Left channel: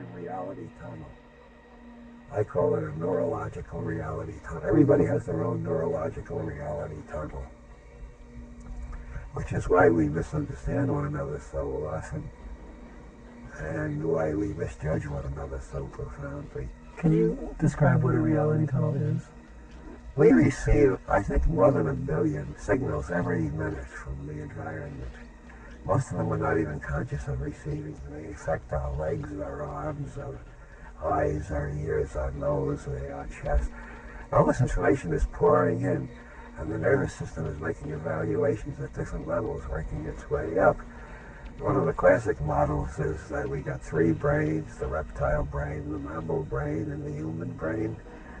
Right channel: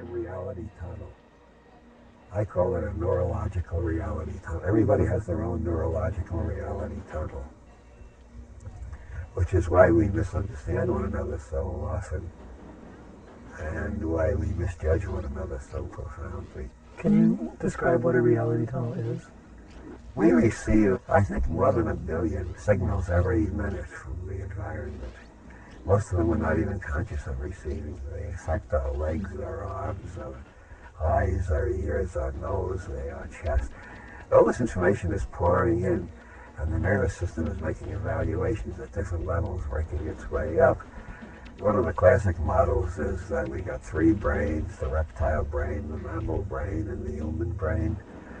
term reality tunnel. I call it a neurological reality tunnel. Everybody has their own neurological reality tunnel, which is why we misunderstand one another so often and why we misjudge one another so profoundly. Can you describe what a reality tunnel is? We receive, I think, more than 1 billion signals every minute from the environment. Most of them we're not even conscious of receiving. They affect our legs, our arms, our eyes, our ears, our nose, our chest. All this information is pouring in, and the nervous system is making evaluations at different levels, working its way up. One of the classic models is that we got 3 brains, the reptile brain, the mammal brain, and the human brain.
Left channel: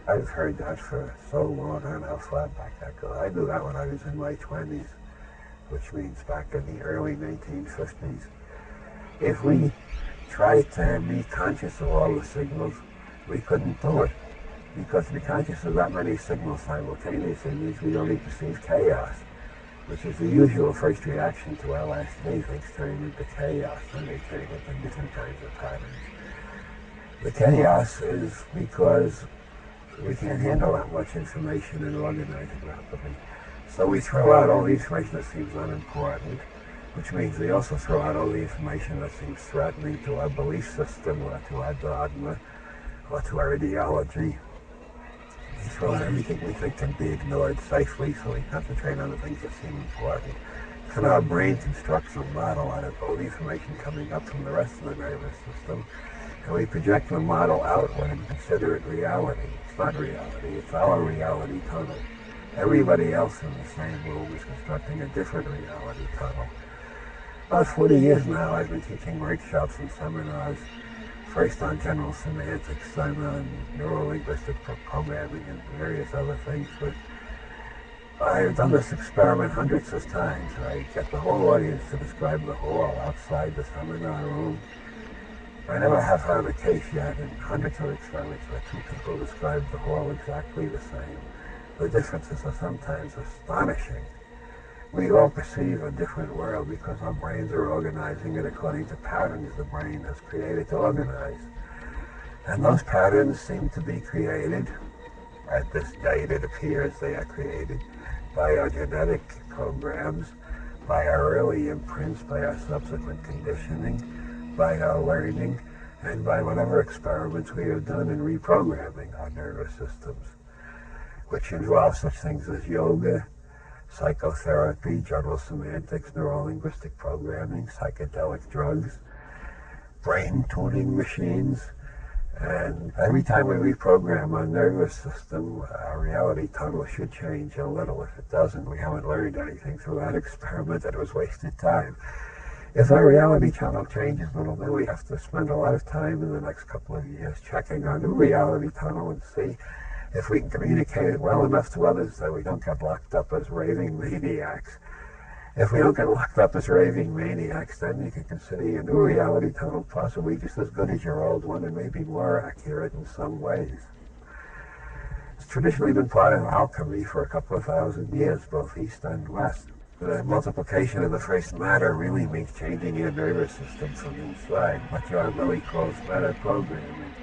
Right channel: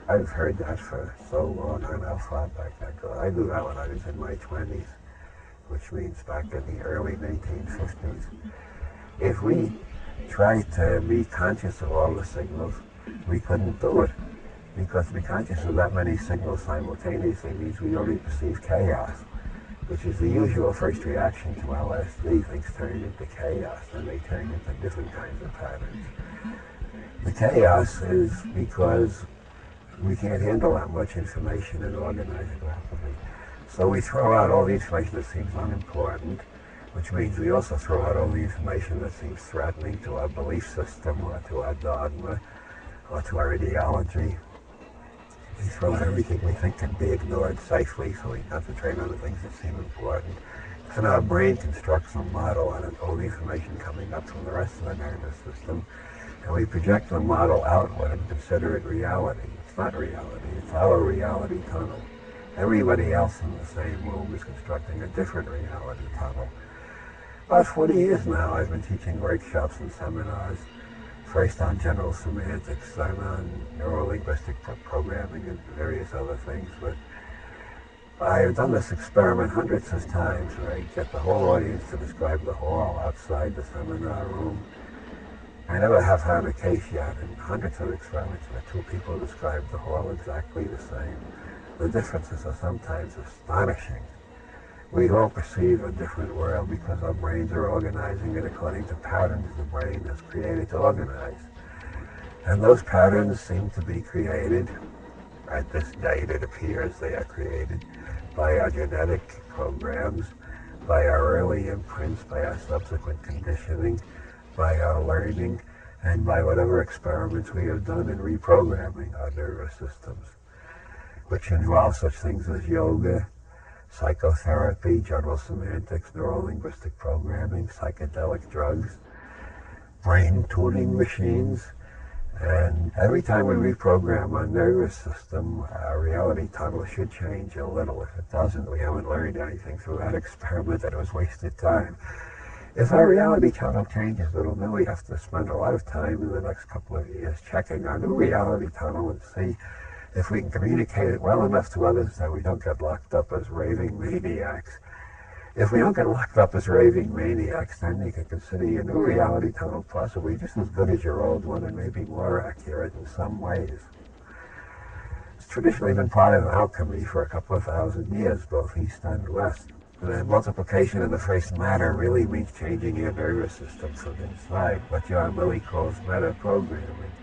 I've heard that for so long. I don't know how far back that goes. I knew that when I was in my 20s, which means back in the early 1950s. If we tried to be conscious of all the signals, we couldn't do it. Because to be conscious of that many signals simultaneously means we only perceive chaos, which is the usual first reaction to LSD. Things turn into chaos, and they turn into different kinds of patterns. The chaos is because we can't handle that much information and organize it rapidly. So we throw out all the information that seems unimportant, which means we also throw out all the information that seems threatening to our belief system or to our dogma or to our ideology. We throw out everything we think can be ignored safely, so we concentrate on the things that seem important. So our brain constructs a model out of all the information coming up from the rest of the nervous system, and we project the model outward and consider it reality. It's not reality, it's our reality tunnel. Everybody else in the same room is constructing a different reality tunnel. About 40 years now, I've been teaching workshops and seminars, first on general semantics, then on neuro-linguistic programming and various other things. But I've done this experiment hundreds of times. I get the whole audience to describe the hall outside the seminar room. I never have had a case yet in hundreds of experiments where 2 people describe the hall exactly the same. The differences are sometimes astonishing. We all perceive a different world because our brains are organizing it according to patterns the brain has created to organize. And those patterns seem to be created, at this date it appears they are created, by our genetic programs, by our early imprints, by our subsequent conditioning, by our learning, and by whatever experiments we have done in reprogramming our nervous systems, which involve such things as yoga, psychotherapy, general semantics, neuro-linguistic programming, psychedelic drugs, brain tuning machines. And every time we reprogram our nervous system, our reality tunnel should change a little. If it doesn't, we haven't learned anything through that experiment, and it was wasted time. If our reality tunnel changes a little, then we have to spend a lot of time in the next couple of years checking our new reality tunnel and see if we can communicate it well enough to others that we don't get locked up as raving maniacs. If we don't get locked up as raving maniacs, then you can consider your new reality tunnel possibly just as good as your old one and maybe more accurate in some ways. It's traditionally been part of alchemy for a couple of thousand years, both East and West. The multiplication of the first matter really means changing your nervous system from inside, what John Lilly calls meta-programming.